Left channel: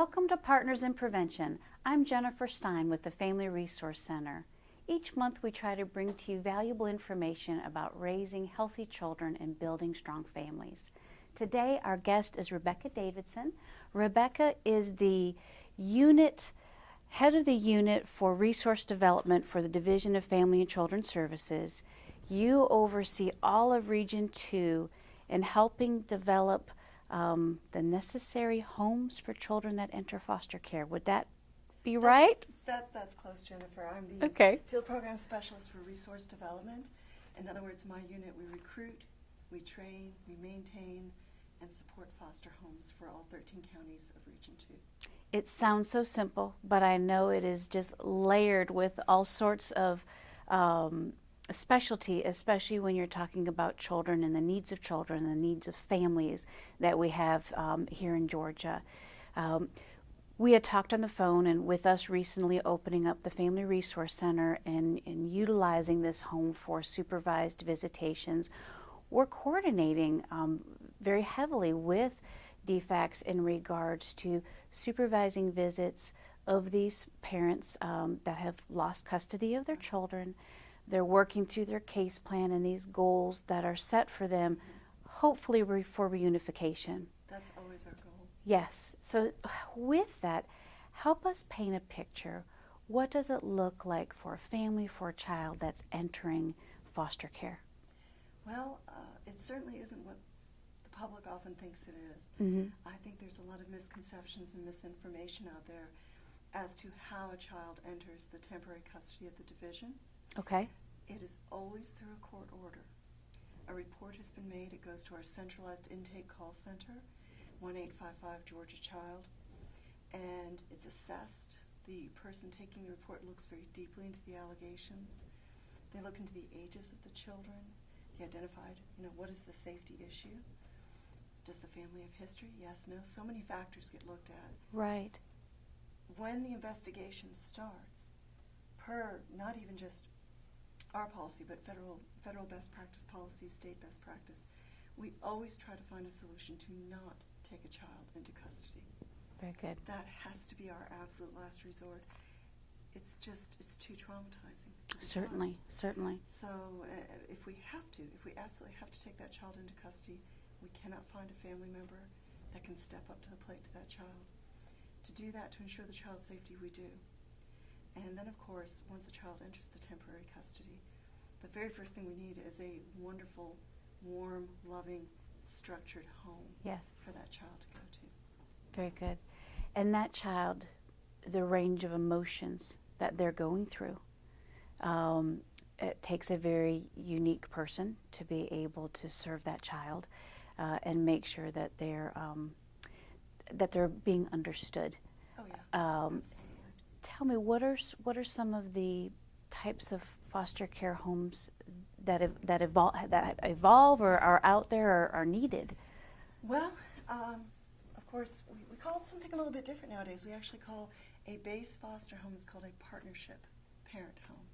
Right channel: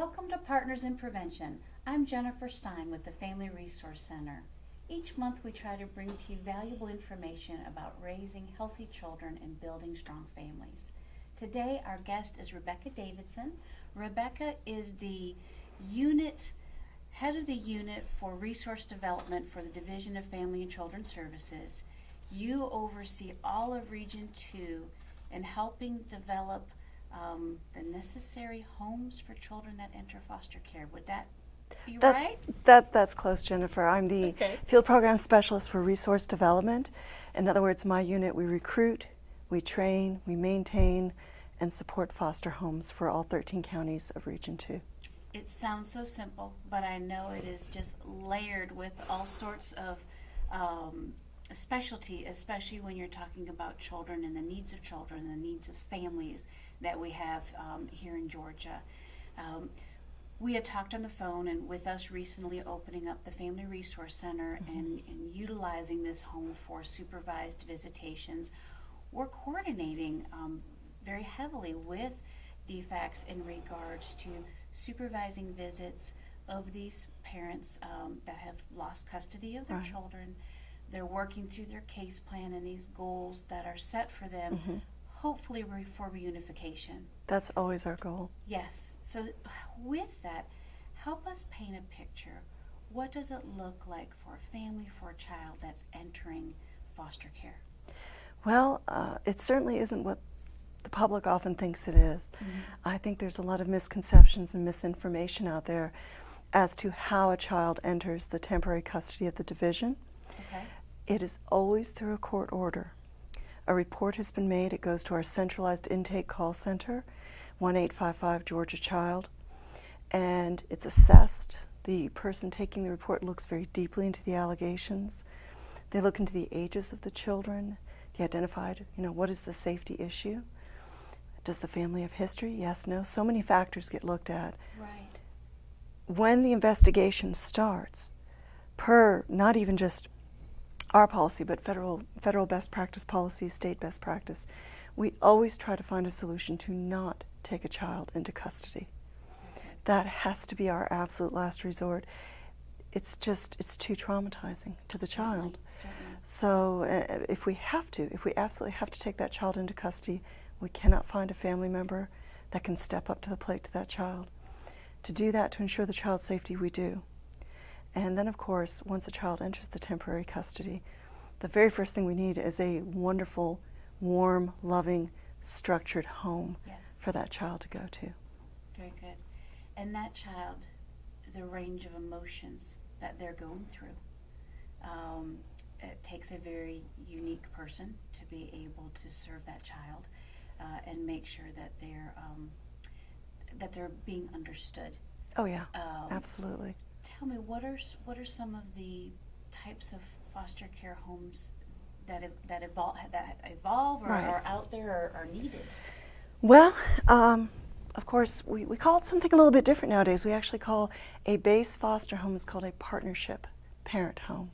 Welcome to Partners in Prevention. I'm Jennifer Stein with the Family Resource Center. Each month we try to bring to you valuable information about raising healthy children and building strong families. Today our guest is Rebecca Davidson. Rebecca is the head of the unit for resource development for the Division of Family and Children Services. You oversee all of Region 2 in helping develop the necessary homes for children that enter foster care. Would that be right? That's close, Jennifer. I'm the field program specialist for resource development. In other words, my unit, we recruit, we train, we maintain, and support foster homes for all 13 counties of Region 2. It sounds so simple, but I know it is just layered with all sorts of specialty, especially when you're talking about children and the needs of children and the needs of families that we have here in Georgia. We had talked on the phone, and with us recently opening up the Family Resource Center and utilizing this home for supervised visitations, we're coordinating very heavily with DFACS in regards to supervising visits of these parents that have lost custody of their children. They're working through their case plan and these goals that are set for them, hopefully for reunification. That's always our goal. Yes. So with that, help us paint a picture. What does it look like for a family, for a child that's entering foster care? Well, it certainly isn't what the public often thinks it is. I think there's a lot of misconceptions and misinformation out there as to how a child enters the temporary custody of the division. Okay. It is always through a court order. A report has been made. It goes to our centralized intake call center, 1-855 Georgia Child, and it's assessed. The person taking the report looks very deeply into the allegations. They look into the ages of the children. They identified, what is the safety issue? Does the family have history? Yes, no. So many factors get looked at. Right. When the investigation starts, per not even just our policy, but federal best practice policy, state best practice, we always try to find a solution to not take a child into custody. Very good. That has to be our absolute last resort. It's too traumatizing to the child. Certainly. So if we absolutely have to take that child into custody, we cannot find a family member that can step up to the plate to that child. To do that, to ensure the child's safety, we do. And then, of course, once a child enters the temporary custody, the very first thing we need is a wonderful, warm, loving, structured home for that child to go to. Very good. And that child, the range of emotions that they're going through, it takes a very unique person to be able to serve that child and make sure that they're being understood. Oh yeah, absolutely. Tell me, what are some of the types of foster care homes that evolve or are out there or are needed? Well, of course, we call it something a little bit different nowadays. We actually call a base foster home is called a partnership parent home.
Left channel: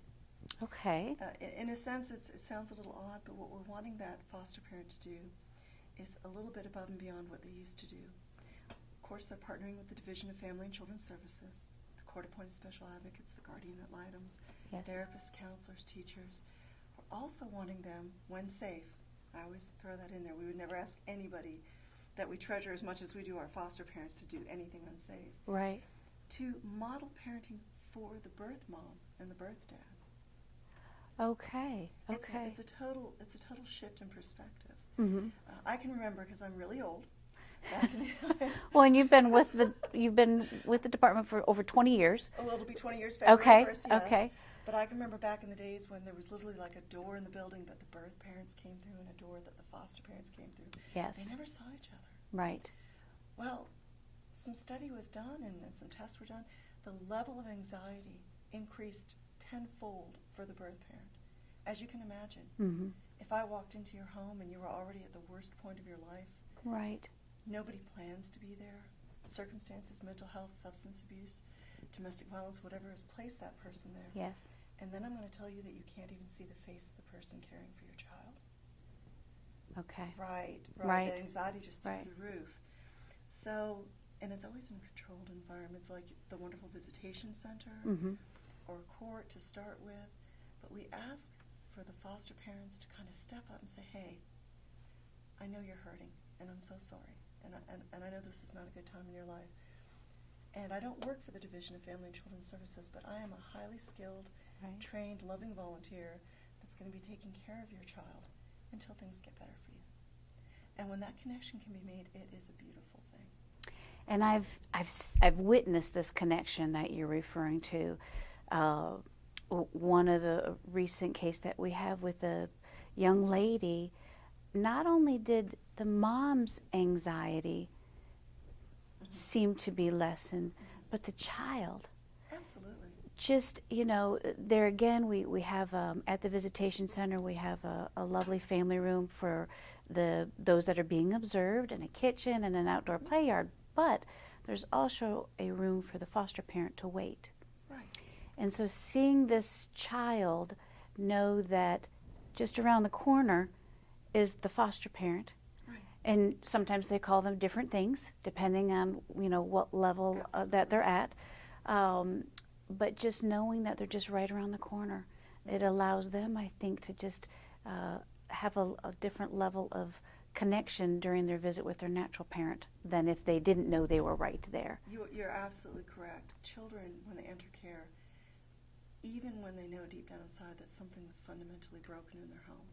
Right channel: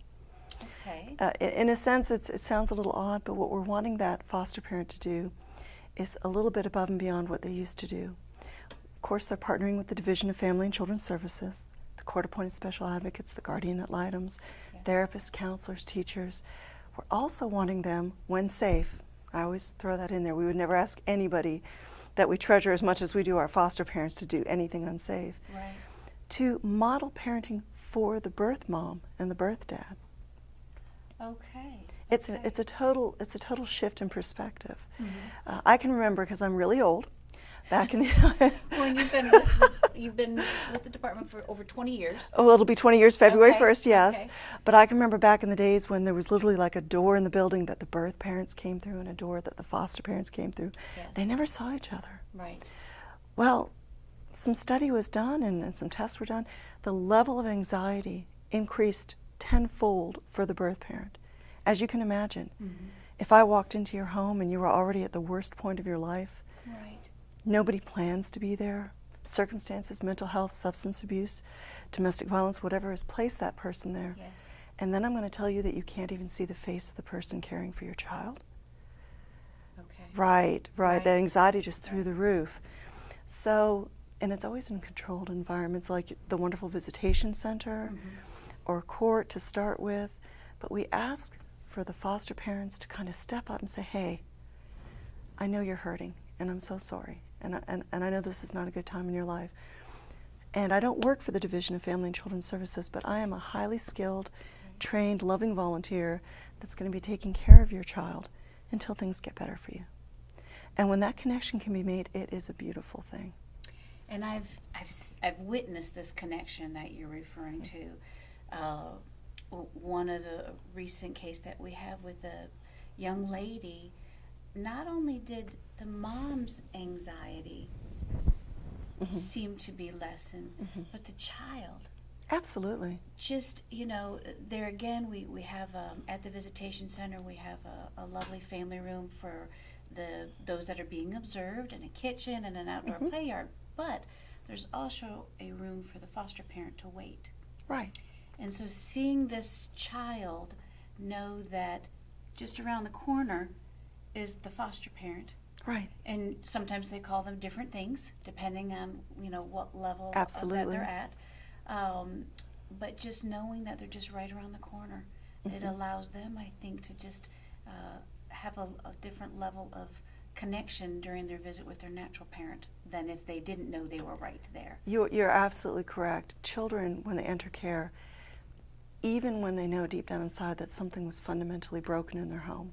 Okay. In a sense, it sounds a little odd, but what we're wanting that foster parent to do is a little bit above and beyond what they used to do. Of course, they're partnering with the Division of Family and Children Services, court-appointed special advocates, the guardian ad litems, therapists, counselors, teachers. We're also wanting them, when safe, I always throw that in there, we would never ask anybody that we treasure as much as we do our foster parents to do anything unsafe. Right. To model parenting for the birth mom and the birth dad. Okay. It's a total shift in perspective. I can remember, because I'm really old, back in the well, and you've been with the department for over 20 years. Oh, it'll be 20 years February 1st, yes. Okay. But I can remember back in the days when there was literally like a door in the building that the birth parents came through and a door that the foster parents came through. Yes. They never saw each other. Right. Well, some study was done and some tests were done. The level of anxiety increased tenfold for the birth parent. As you can imagine, if I walked into your home and you were already at the worst point of your life, right. Nobody plans to be there. Circumstances, mental health, substance abuse, domestic violence, whatever has placed that person there. Yes. And then I'm going to tell you that you can't even see the face of the person caring for your child. Okay. Right. The anxiety just through the roof. So And it's always in controlled environments like the wonderful visitation center or court to start with. But we ask for the foster parents to kind of step up and say, hey, I know you're hurting, and I'm so sorry. And I know this is not a good time in your life. And I don't work for the Division of Family and Children's Services, but I am a highly skilled, trained, loving volunteer that's going to be taking care of your child until things get better for you. And when that connection can be made, it is a beautiful thing. And I've witnessed this connection that you're referring to. One of the recent case that we have with a young lady, not only did the mom's anxiety seem to be lessened, but the child. Absolutely. Just, there again, we have, at the visitation center, we have a lovely family room for those that are being observed, and a kitchen and an outdoor play yard, but there's also a room for the foster parent to wait. Right. And so seeing this child know that just around the corner is the foster parent. Right. And sometimes they call them different things depending on, what level that they're at. But just knowing that they're just right around the corner, it allows them, I think, to just have a different level of connection during their visit with their natural parent than if they didn't know they were right there. You're absolutely correct. Children, when they enter care, even when they know deep down inside that something was fundamentally broken in their home,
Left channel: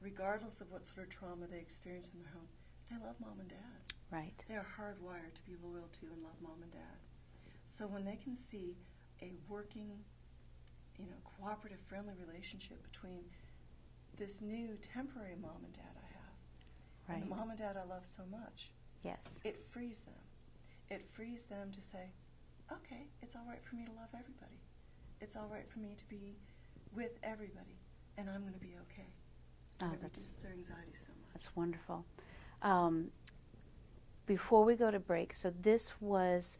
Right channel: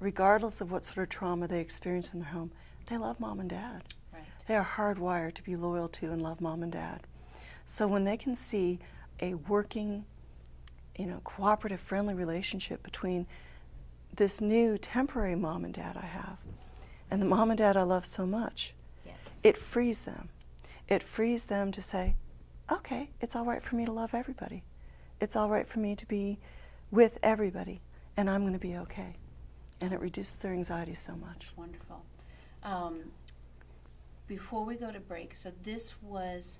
regardless of what sort of trauma they experience in their home, they love mom and dad. Right. They are hardwired to be loyal to and love mom and dad. So when they can see a working, cooperative, friendly relationship between this new temporary mom and dad I have and the mom and dad I love so much, it frees them. It frees them to say, okay, it's all right for me to love everybody. It's all right for me to be with everybody, and I'm going to be okay. And it reduces their anxiety so much. That's wonderful. Before we go to break, so this was,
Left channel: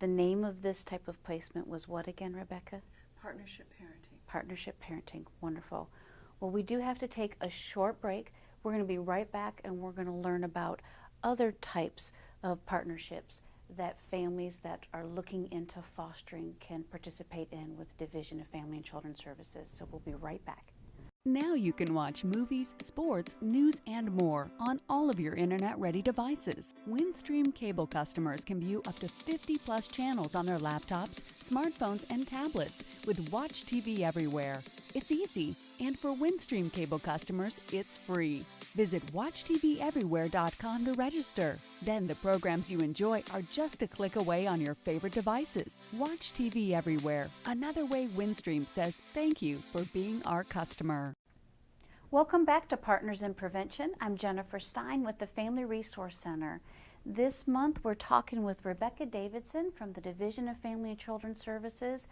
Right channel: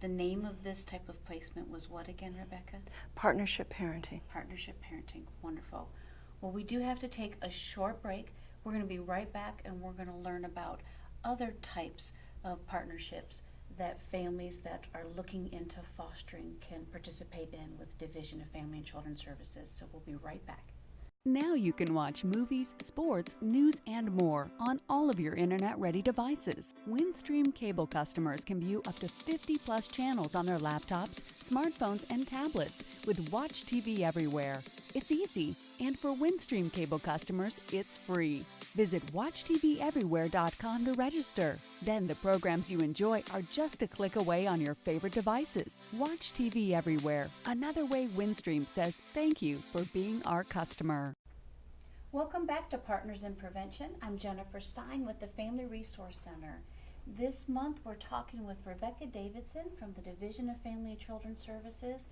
the name of this type of placement was what again, Rebecca? Partnership parenting. Partnership parenting. Wonderful. Well, we do have to take a short break. We're going to be right back, and we're going to learn about other types of partnerships that families that are looking into fostering can participate in with Division of Family and Children's Services. So we'll be right back. Now you can watch movies, sports, news, and more on all of your internet-ready devices. Windstream cable customers can view up to 50-plus channels on their laptops, smartphones, and tablets with Watch TV Everywhere. It's easy, and for Windstream cable customers, it's free. Visit WatchTVEverywhere.com to register. Then the programs you enjoy are just a click away on your favorite devices. Watch TV Everywhere, another way Windstream says thank you for being our customer. Welcome back to Partners in Prevention. I'm Jennifer Stein with the Family Resource Center. This month we're talking with Rebecca Davidson from the Division of Family and Children's Services.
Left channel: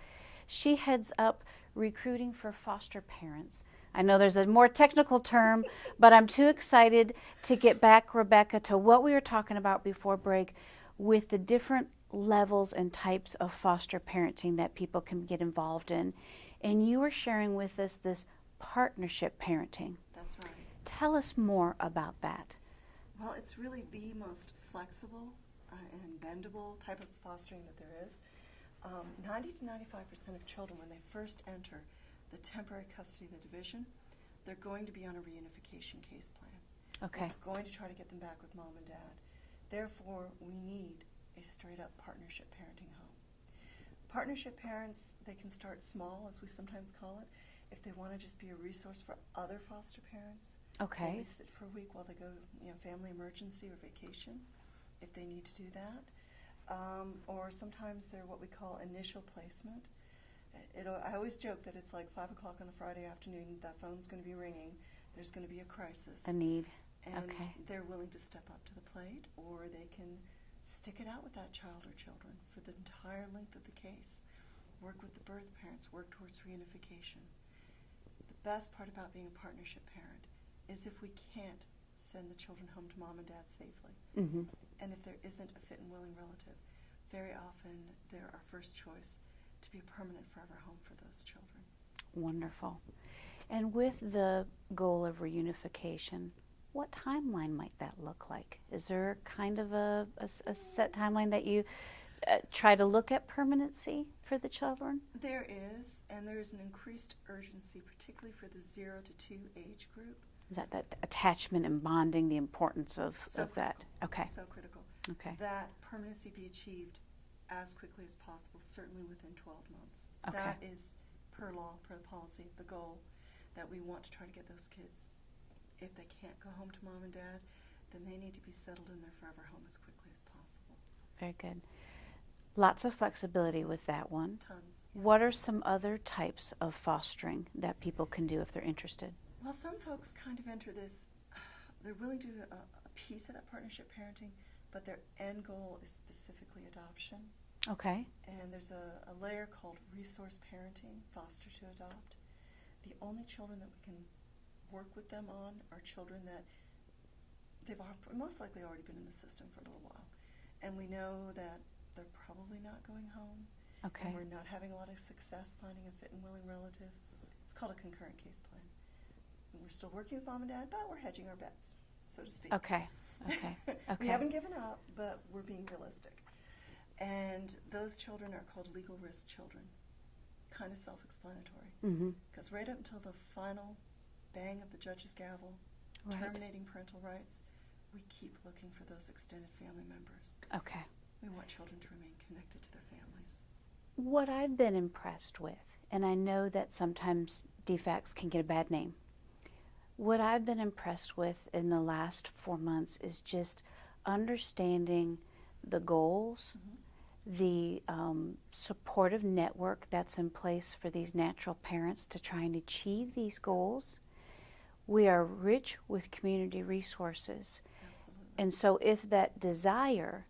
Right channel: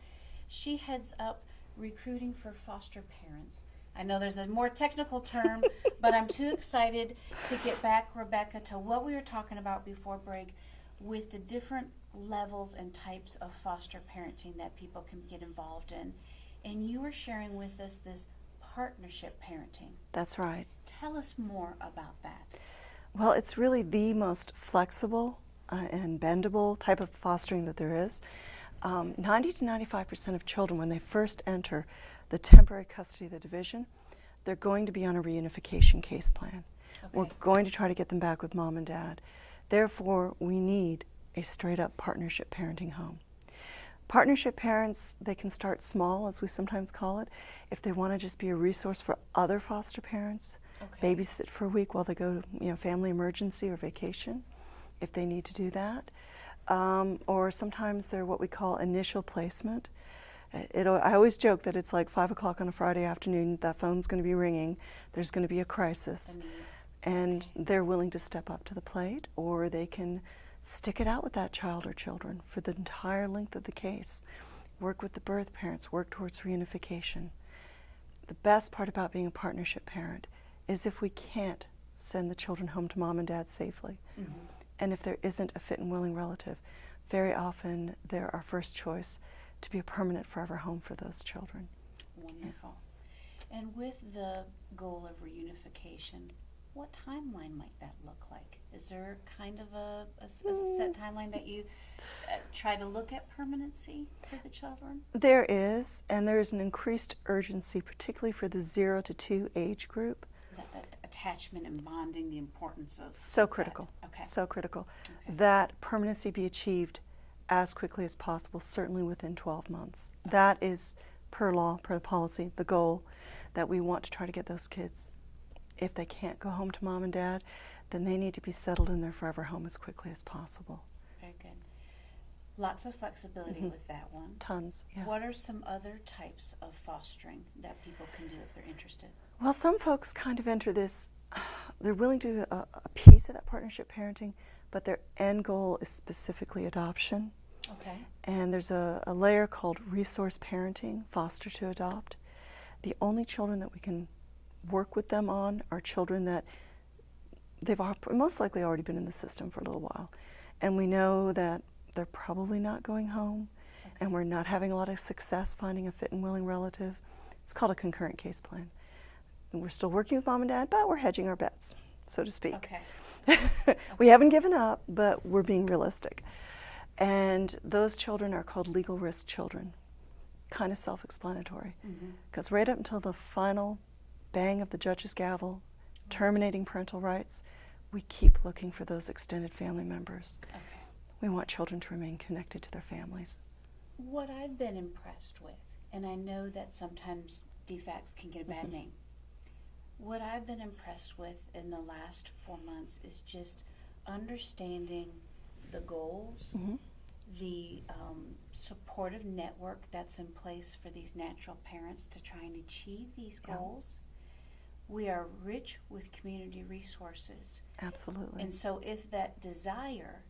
She heads up recruiting for foster parents. I know there's a more technical term, but I'm too excited to get back, Rebecca, to what we were talking about before break with the different levels and types of foster parenting that people can get involved in. And you were sharing with us this partnership parenting. That's right. Tell us more about that. Well, it's really the most flexible and bendable type of fostering that there is. 90 to 95% of children, when they first enter the temporary custody of the division, they're going to be on a reunification case plan. Okay. We're going to try to get them back with mom and dad. Therefore, we need a straight-up partnership parenting home. Partnership parents, they can start small, as we sometimes call it, if they want to just be a resource for other foster parents. Okay. Babysit for a week while they go, family emergency or vacation, if they need to do that. Or sometimes they're what we call initial placement. I always joke that it's like 5 o'clock on a Friday afternoon, that phone's going to be ringing, there's going to be a crisis. A need. And Okay. they're willing to step up to the plate, or they can stick it out with that child or children for the entire length of the case. Work with the birth parents, work towards reunification. The best part about being a partnership parent is if we can't send the children home to mom and dad safely, and if there isn't a fit and willing relative, very often they're our first choice to be a permanent forever home for those children. Wonderful. And with the goal of reunification, what timeline might that look like? Is there kind of a set timeline that you try to look at permanency for the children? There is, and there is an increased urgency, particularly for the 0 to 2 age group. Is that attachment and bonding, the importance of So of critical. That? Okay. So critical. Okay. That permanency be achieved as quickly as possible, certainly within 12 months. Okay. That is, per law, per policy, the goal that we want to try to get those kids. If they can't go home to mom and dad, then they need to be settled in their forever home as quickly as possible. Very good. Lots of flexibility with that one. Tons, yes. What are some other types of fostering that people can do if they're interested? Well, some folks kind of enter this, they're willing to do a piece of that partnership parenting, but their end goal is specifically adoption. Okay. And there's a layer called resource parenting, foster to adopt. The only children that we can work with them on are children that they've most likely already been in the system for a little while. And we know that they're probably not going home, Okay. and we're not having a lot of success finding a fit and willing relative. It's called a concurrent case plan. And we're still working with mom and dad, but we're hedging our bets, so to speak. Okay. We haven't given up, but we're being realistic. And those children are called legal risk children. Kind of self-explanatory. Because right up until the final bang of the judge's gavel, terminating parental rights, we keep looking for those extended family members. Okay. We want children to remain connected to their families. What I've been impressed with, and I know that sometimes DFACs can get a bad name, what I've been impressed with in the last 4 months is just understanding the goals, the supportive network that's in place for these natural parents to try and achieve these goals. We are rich with community resources. Absolutely. And so if that desire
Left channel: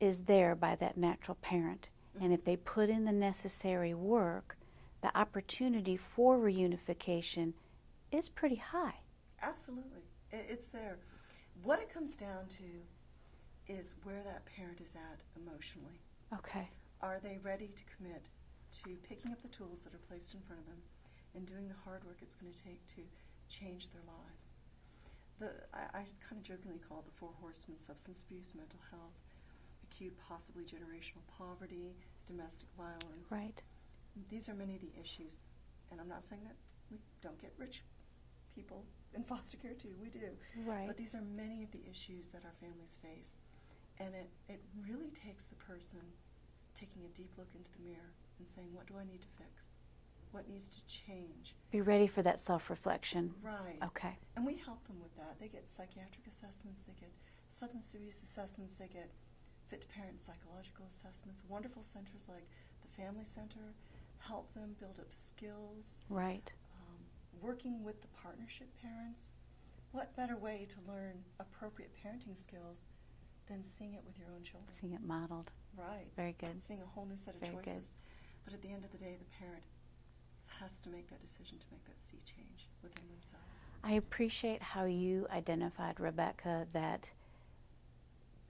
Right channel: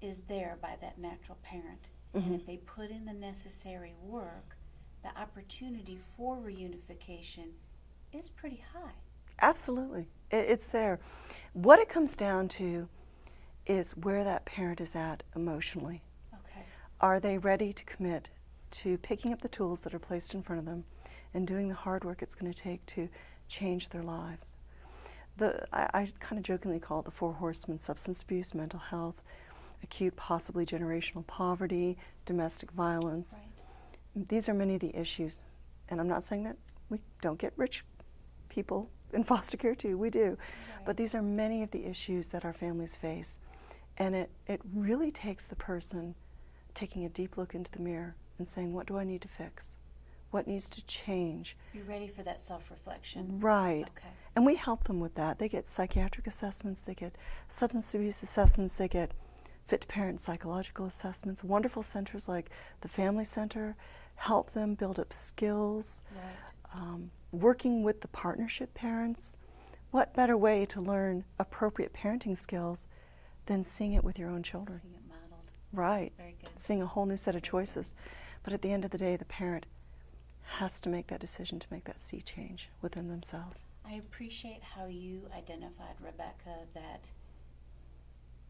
is there by that natural parent, and if they put in the necessary work, the opportunity for reunification is pretty high. Absolutely. It's there. What it comes down to is where that parent is at emotionally. Okay. Are they ready to commit to picking up the tools that are placed in front of them and doing the hard work it's going to take to change their lives? I kind of jokingly call it the 4 horsemen: substance abuse, mental health, acute, possibly generational poverty, domestic violence. Right. These are many of the issues. And I'm not saying that we don't get rich people in foster care too, we do. Right. But these are many of the issues that our families face. And it really takes the person taking a deep look into the mirror and saying, what do I need to fix? What needs to change? Be ready for that self-reflection. Right. Okay. And we help them with that. They get psychiatric assessments, they get substance abuse assessments, they get fit to parent psychological assessments. Wonderful centers like the Family Center help them build up skills. Right. Working with the partnership parents. What better way to learn appropriate parenting skills than seeing it with your own children? Seeing it modeled. Right. Very good. Seeing a whole new set of Very choices. But at the end of the day, the parent has to make that decision to make that sea change within themselves. I appreciate how you identified, Rebecca, that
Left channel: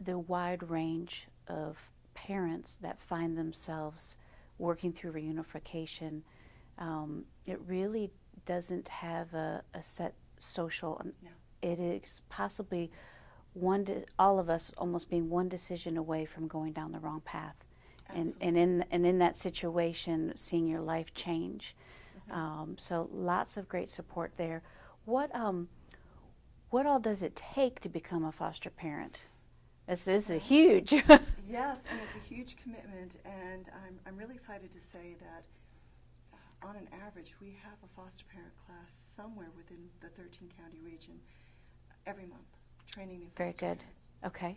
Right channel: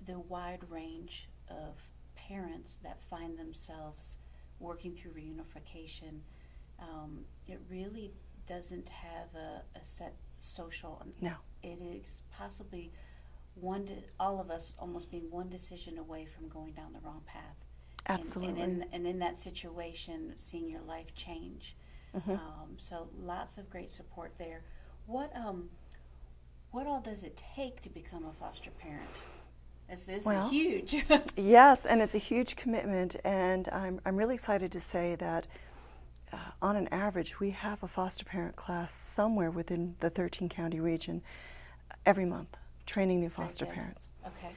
the wide range of parents that find themselves working through reunification, it really doesn't have a set social. No. It is possibly all of us almost being one decision away from going down the wrong path. Absolutely. And in that situation, seeing your life change. So lots of great support there. What all does it take to become a foster parent? This is a huge. Yes, and it's a huge commitment, and I'm really excited to say that on an average, we have a foster parent class somewhere within the 13-county region every month, training new foster parents. Okay.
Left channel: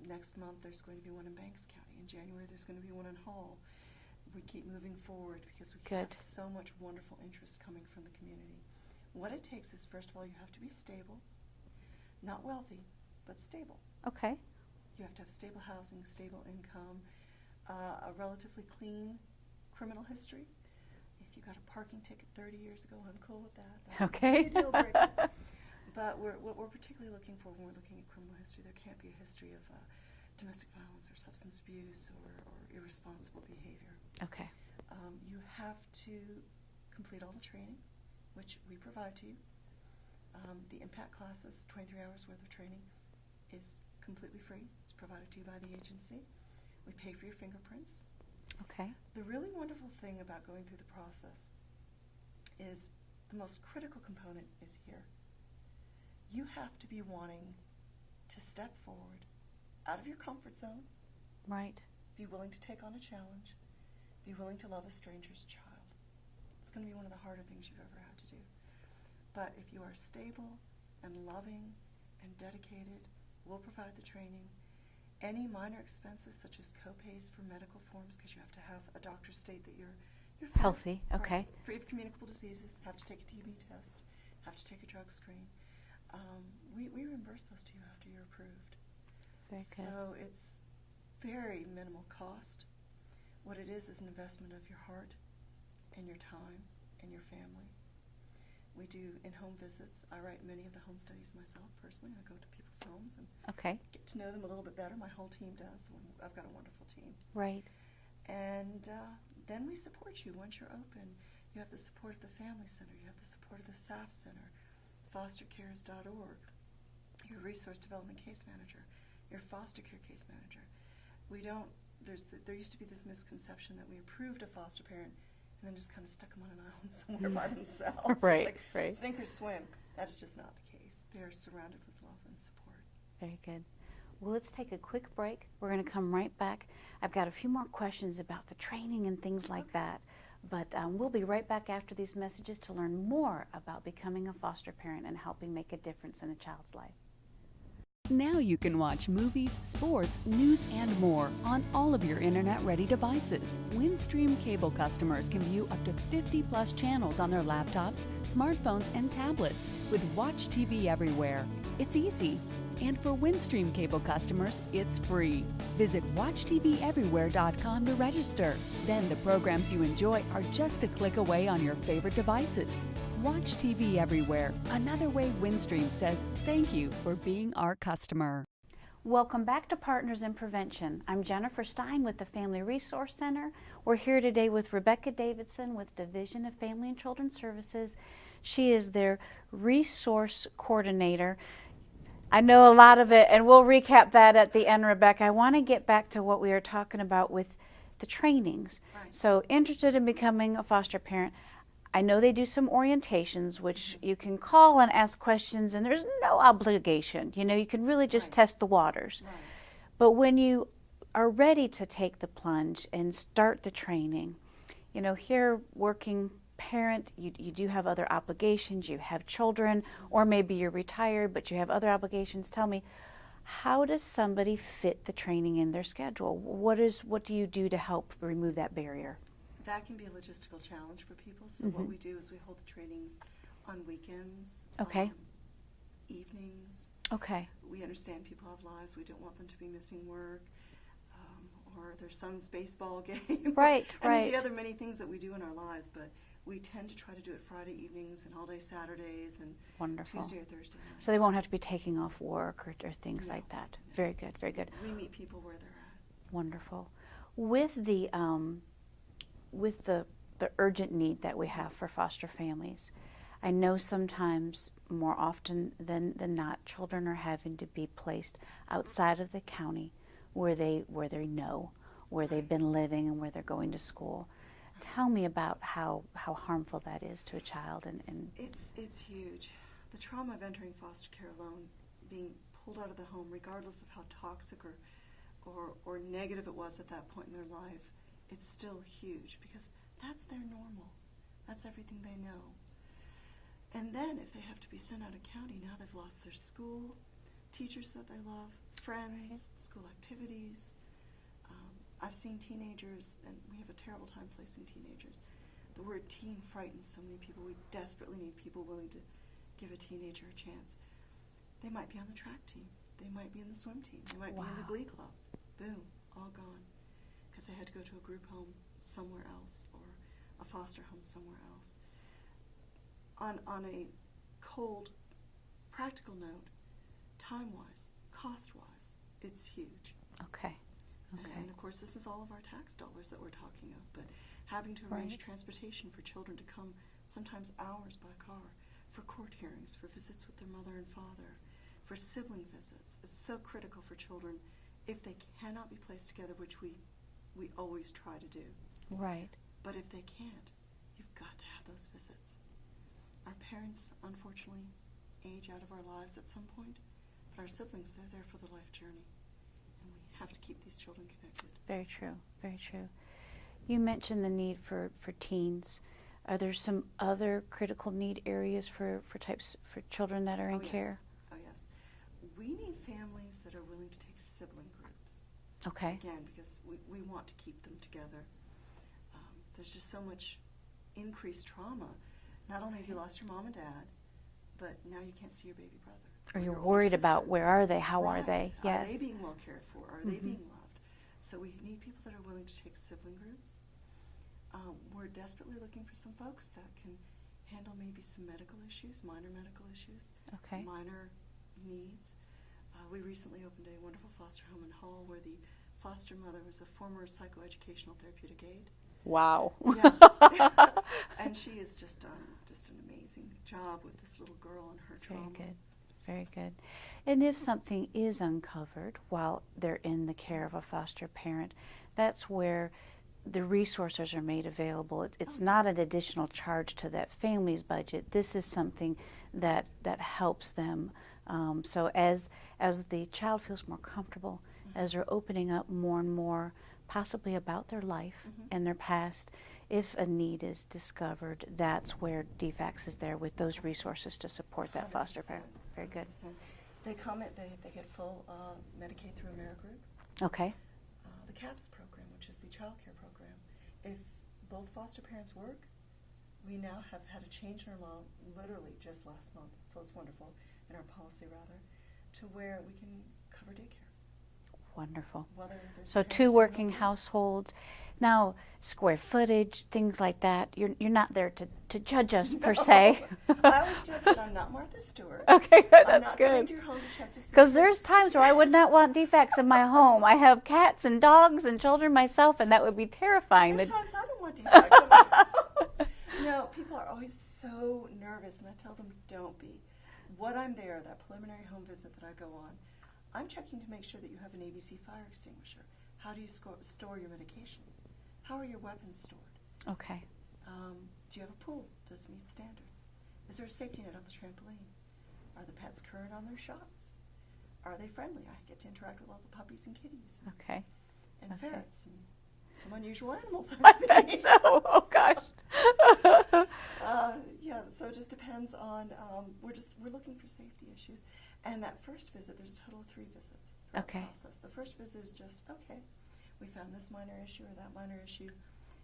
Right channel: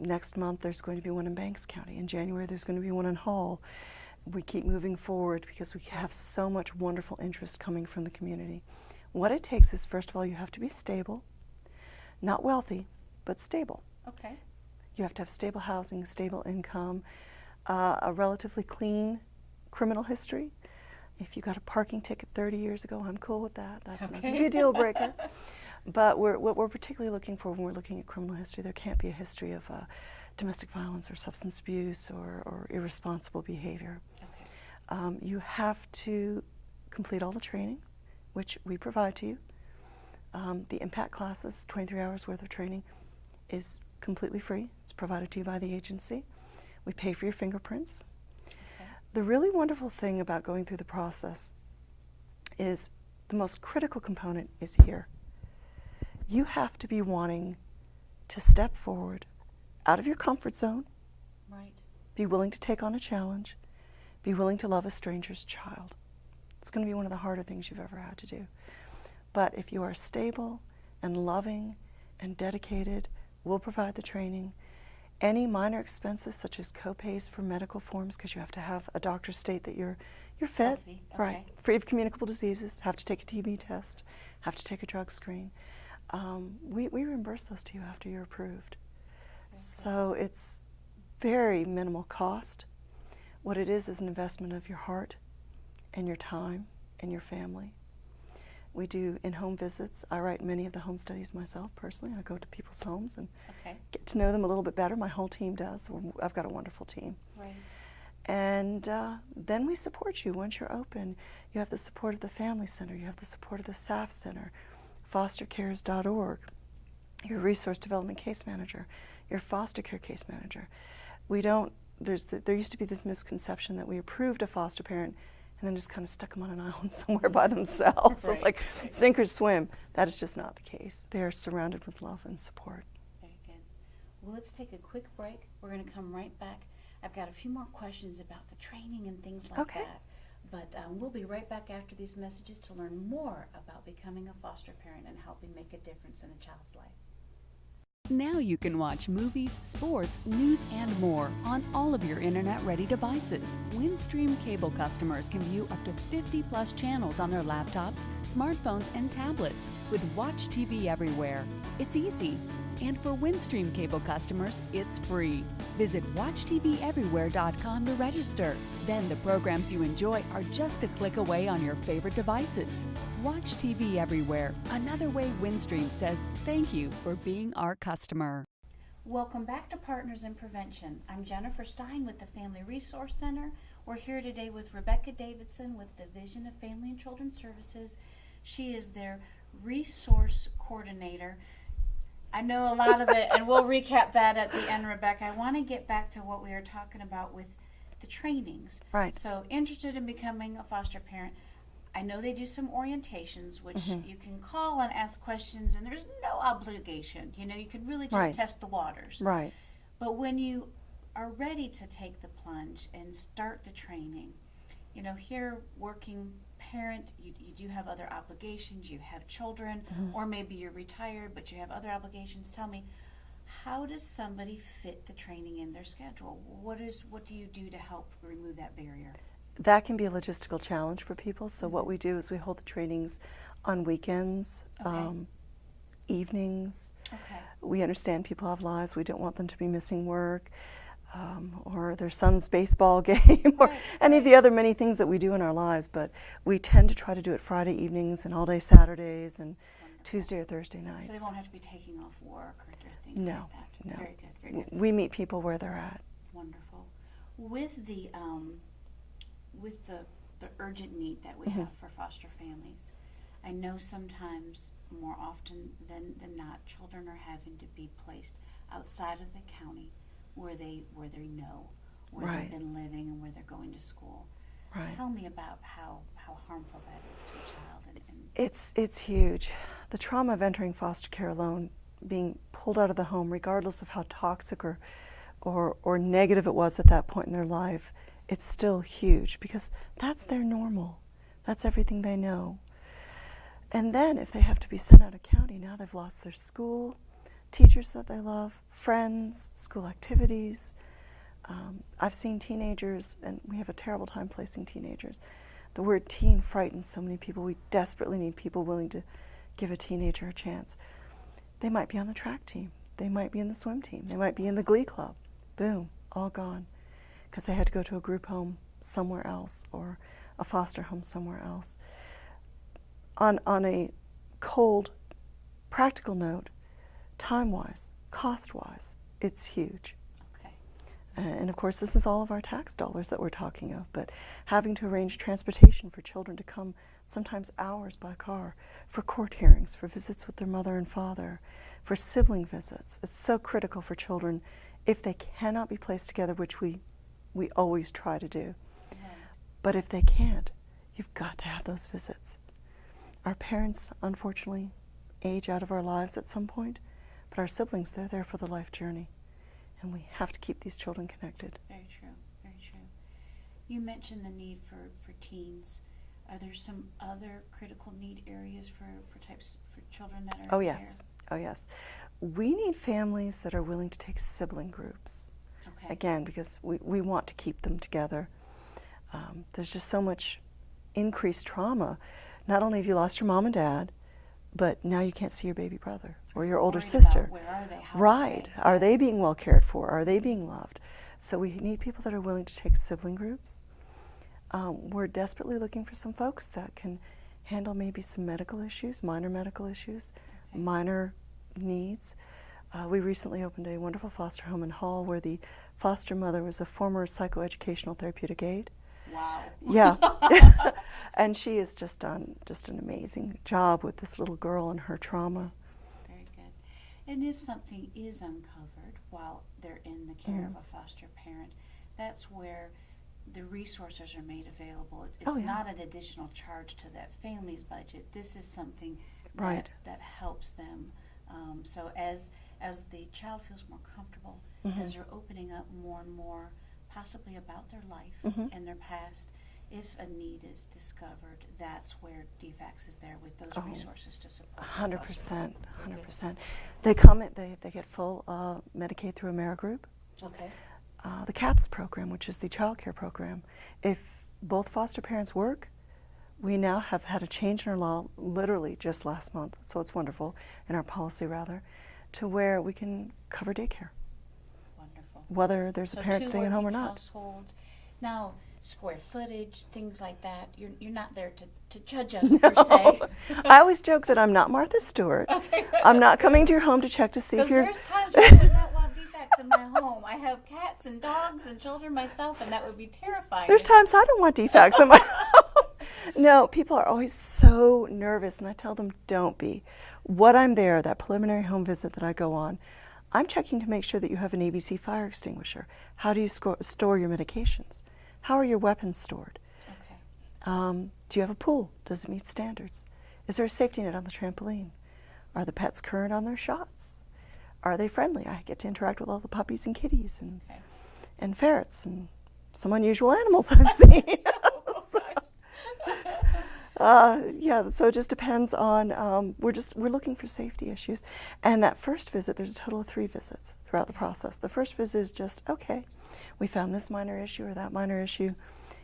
Next month, there's going to be one in Banks County. In January, there's going to be one in Hall. We keep moving forward because we have so much wonderful interest coming from the community. What it takes is, first of all, you have to be stable, not wealthy, but stable. Okay. You have to have stable housing, stable income, a relatively clean criminal history. If you got a parking ticket 30 years ago, I'm cool with that. That's not a deal breaker. But what we're particularly looking for when we're looking at criminal history, there can't be a history of domestic violence or substance abuse or irresponsible behavior. Okay. You have to complete all the training, which we provide to you. The impact classes, 23 hours worth of training, is completely free. It's provided to you by the agency. We pay for your fingerprints. Okay. The really wonderful thing about going through the process is the most critical component is here. You have to be wanting to step forward out of your comfort zone, Right. be willing to take on a challenge, be willing to love a stranger's child. It's going to be one of the harder things you've ever had to do. But if you are stable and loving and dedicated, we'll provide the training. Any minor expenses, such as co-pays for medical forms, because you have to have a doctor state that you're fit, Healthy. Okay. right, free of communicable diseases, have to take a TB test, have to take a drug screen. We reimburse those to you after you're approved. Very good. So it's very minimal cost. What it is an investment of your heart and your time and your family. We do in-home visits. I write many of the home studies myself personally. I go to people's homes and Okay. get to know them a little bit better. My whole team does. I've got a wonderful team. Right. And then we support you once you're open. You have the support of the Family Center. You have the support of the SAF Center, fostercares.org, your Resource Development Case Manager, your foster care case manager. We don't, there used to be this misconception that we approved a foster parent and then just kind of stuck them on an island somewhere by themselves. Right, It's like right. sink or swim. That is just not the case. They are surrounded with love and support. Very good. Well, let's take a quick break. We're going to come right back. I've got a few more questions about the training and things like Okay. that. But we'll be right back after these messages to learn more about becoming a foster parent and helping make a difference in a child's life. Now you can watch movies, sports, news, and more on all of your internet-ready devices. Windstream cable customers can view up to 50-plus channels on their laptops, smartphones, and tablets with Watch TV Everywhere. It's easy. And for Windstream cable customers, it's free. Visit WatchTVEverywhere.com to register. Then the programs you enjoy are just a click away on your favorite devices. Watch TV Everywhere, another way Windstream says thank you for being our customer. Welcome back to Partners in Prevention. I'm Jennifer Stein with the Family Resource Center. We're here today with Rebecca Davidson with Division of Family and Children's Services. She is their resource coordinator. I know a lot of it, and we'll recap that at the end, Rebecca. I want to get back to what we were talking about with the trainings. Right. So, interested in becoming a foster parent. I know they do some orientations, which you can call and ask questions, and there's no obligation. You know, you can really just Right. test the waters. Right. But when you are ready to take the plunge and start the training, you know, here working parent, you do have other obligations, you have children, or maybe you're retired, but you have other obligations. Tell me, how does somebody fit the training in their schedule? What do you do to help remove that barrier? That can be a logistical challenge for people. So what we do is we hold the trainings on weekends, Okay. evenings. Okay. We understand people have lives. We don't want them to be missing work or their son's baseball game or Right, any of the right. other many things that we do in our lives. But we tend to try to do it Friday evenings and all day Saturdays and Wonderful. Tuesday or Thursday nights. So they won't have to be taking off work or things No, like that. no. Very good, very good. We meet people where they're at. Wonderful. With the urgent need that we have for foster families, I know sometimes, more often than not, children are having to be placed outside of the county where they know, where they've Right. been living and where they're going to school. Right. Tell me about how harmful that is to a child. And It's huge. The trauma of entering foster care alone, being pulled out of the home, regardless of how toxic or negative it was at that point in their life, it's still huge because that's their normal. That's everything they know. And then if they have to be sent out of county, now they've lost their school, teachers that they love, friends, school activities. I've seen teenagers, and we have a terrible time placing teenagers. The word teen frightens so many people. We desperately need people willing to give a teenager a chance. They might be on the track team. They might be in the swim team. They might be in the glee club. Boom, all gone. Because they had to go to a group home somewhere else or a foster home somewhere else. On a cold, practical note, time-wise, cost-wise, it's huge. okay. And of course, this is all of our tax dollars that we're talking of, but having to arrange transportation for children to come sometimes hours by car for court hearings, for visits with their mother and father, for sibling visits. It's so critical for children if they cannot be placed together, which we always try to do. Right. But if they can't, you've got to have those visits. Our parents, unfortunately, age out of our lives at some point, but our siblings, they're there for the life journey. And we have to keep these children connected. Very true, very true. You mentioned the need for teens. Are there some other critical need areas for children that are in care? Oh, yes. We need families that are willing to take sibling groups. Okay. Again, because we want to keep them together. There's just so much increased trauma. Not only have you lost your mom and dad, but now you can't see your baby brother or your older sister. Worried about where are they, how are they? Right. Are they being well cared for? Are they being loved? So we need people that are willing to take sibling groups. We're desperately looking for some folks that can handle maybe some medical issues, minor medical issues, Okay. minor needs. We recently opened a wonderful foster home in Hall where the foster mother was a former psychoeducational therapeutic aide. Wow. Yeah. And she has just done an amazing job with this little girl and her trauma. Very good. And if something is uncovered while they're in the care of a foster parent, that's where the resources are made available. It's not an additional charge to that family's budget. This is something that helps them. So as the child feels more comfortable, as they're opening up more and more, possibly about their life and their past, if a need is discovered, that's where DFACS is there with those resources to support that foster parent. 100%. They come, they get full Medicaid through AmeriGroup. Okay. The CAPS program, which is the child care program. If both foster parents work, we now have had a change in our law literally just last month, so it's wonderful, in our policy rather, to where we can cover daycare. Wonderful. Whether there's a So parent two staying home or working not. households. Now, square footage, things like that, you're not there to judge us per se. I always joke that I'm not Martha Stewart. Okay, good, I'm that's not coming good. to your home to check to see Because if you're... there's times where I would not want defects in my home. I have cats and dogs and children myself, and that would be terrifying. There's times I don't want defects in my home. No, people are always so nervous, and I tell them, don't be. What I'm there, that preliminary home visit that I go on, I'm checking to make sure that you have an ABC fire extinguisher. How do you store your medications? How are your weapons stored? Okay. Do you have a pool? Does it meet standards? Is there a safety net on the trampoline? Are the pets current on their shots? Are they friendly? I get to interact with all the puppies and kitties and ferrets and some unusual animals I've seen. Oh gosh. Yeah, so it just depends on, we're looking for safety issues. And that first visit, there's a total of 3 visits throughout the process. The first visit is just, okay, we found this minor issue or that minor issue,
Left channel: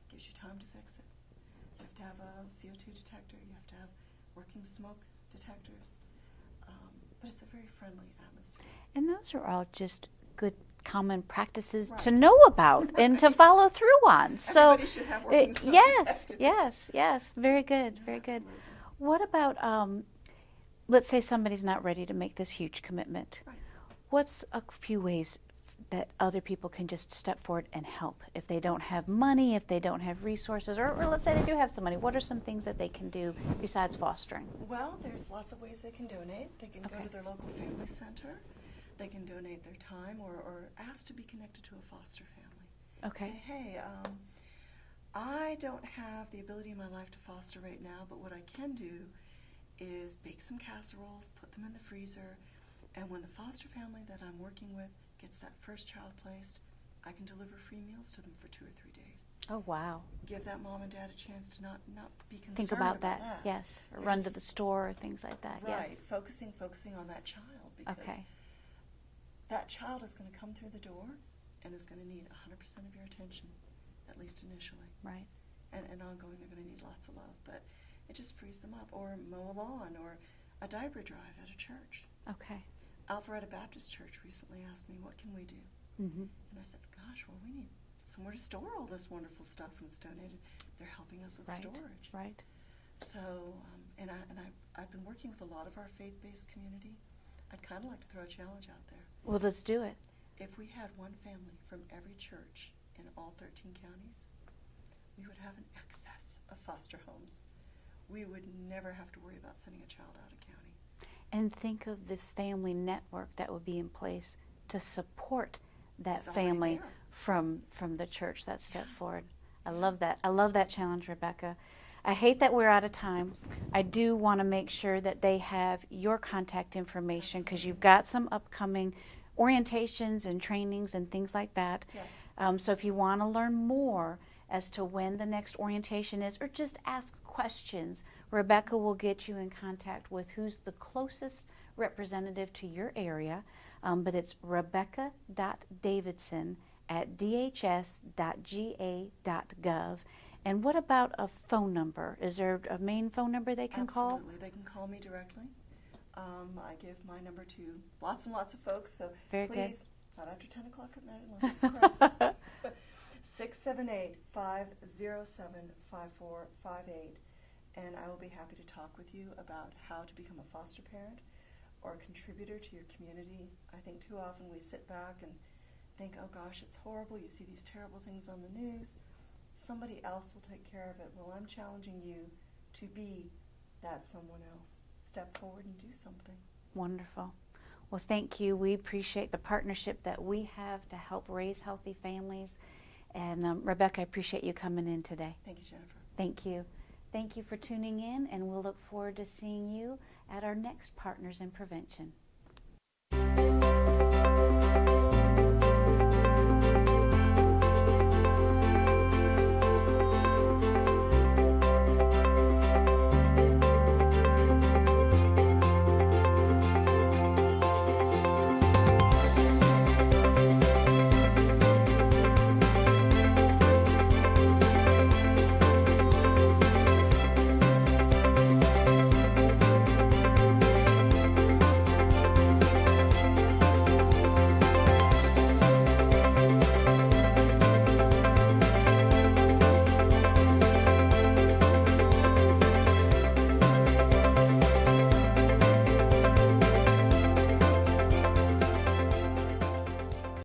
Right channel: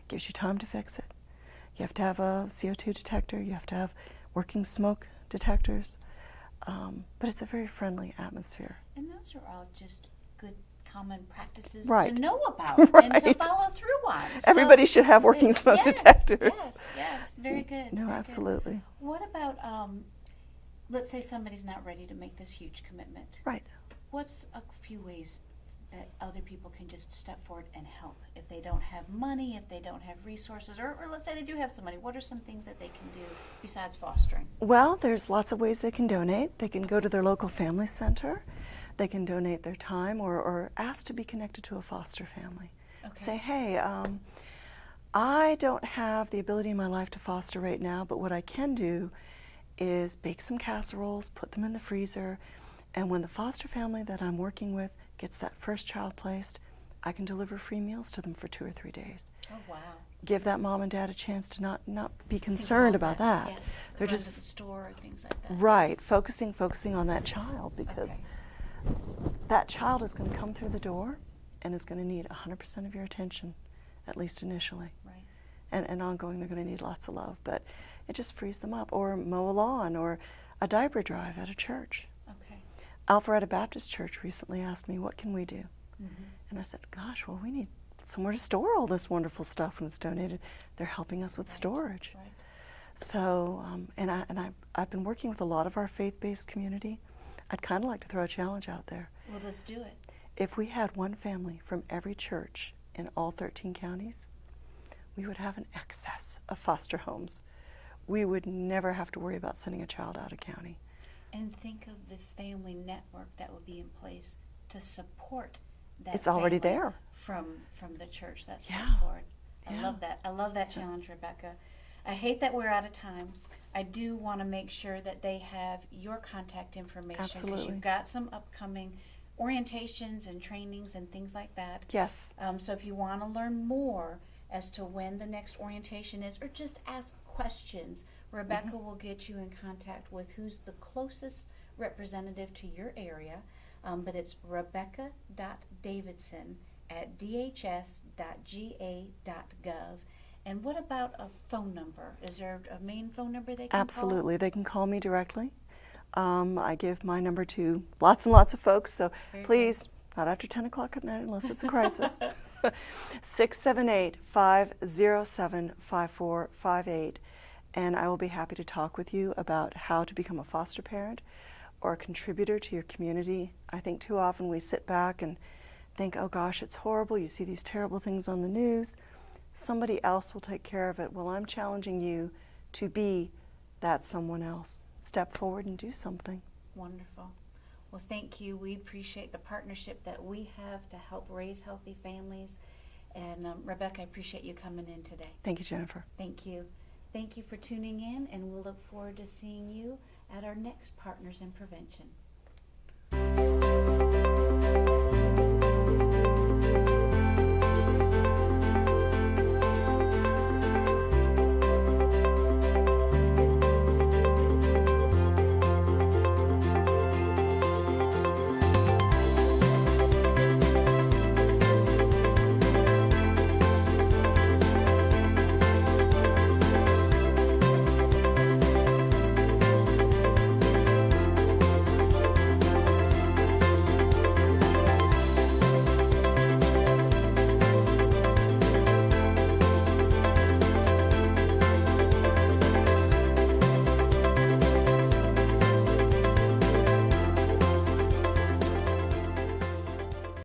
gives you time to fix it. You have to have a CO2 detector, you have to have working smoke detectors, but it's a very friendly atmosphere. And those are all just good common practices Right. to know about and to follow through on. Everybody should have working smoke detectors. Yes, very good. No, very absolutely. Good. What about, let's say somebody's not ready to make this huge commitment. Right. What's a few ways that other people can just step forward and help if they don't have money, if they don't have resources, or let's say they do have some money? What are some things that they can do besides fostering? Well, there's lots of ways they can donate. They can go to their local family center. They can donate their time or ask to be connected to a foster family. Okay. Say, hey, I don't have the ability in my life to foster right now, but what I can do is bake some casseroles, put them in the freezer, and when the foster family that I'm working with gets that first child placed, I can deliver free meals to them for 2 or 3 days. Oh, wow. Give that mom and dad a chance to not be concerned about that. Yes. They're Run just to the store or things like that. right, Yes. focusing on that child, because Okay. that child is going to come through the door and is going to need 100% of your attention, at least initially. Right. And ongoing, they're going to need lots of love. But it just frees them up. Or mow a lawn, or a diaper drive at a church. Okay. Alpharetta Baptist Church recently asked me, what can we do? Mm-hmm. And I said, gosh, well, we need somewhere to store all this wonderful stuff when it's donated. They're helping us with Right. storage. Right. So, I've been working with a lot of our faith-based community. I'd kind of like to throw a challenge out there. Well, let's do it. If we had one family from every church in all 13 counties, we would have an excess of foster homes. we would never have to worry about sending a child out of county. And think of the family network that would be in place to support that It's already family there. from the church that step Yeah. forward. I Yeah. love that. I love that challenge, Rebecca. I hate that we're out of time. I do want to make sure that they have your contact information because Absolutely. you've got some upcoming orientations and trainings and things like that. Yes. So if you want to learn more as to when the next orientation is, or just ask questions, Rebecca will get you in contact with who's the closest representative to your area. But it's rebecca.davidson@dhs.ga.gov. And what about a phone number? Is there a main phone number they can call? Absolutely. They can call me directly. I give my number to lots and lots of folks, so Very please, not after 10 o'clock at night unless it's a crisis. 678-507-5458. And I will be happy to talk with you about how to become a foster parent or a contributor to your community. I think too often we sit back and think, oh gosh, it's horrible. You see these terrible things on the news. Somebody else will take care of it. Well, I'm challenging you to be that someone else. Step forward and do something. Wonderful. Well, thank you. We appreciate the partnership that we have to help raise healthy families. And Rebecca, I appreciate you coming in today. Thank you, Jennifer. Thank you. Thank you for tuning in, and we'll look forward to seeing you at our next Partners in Prevention.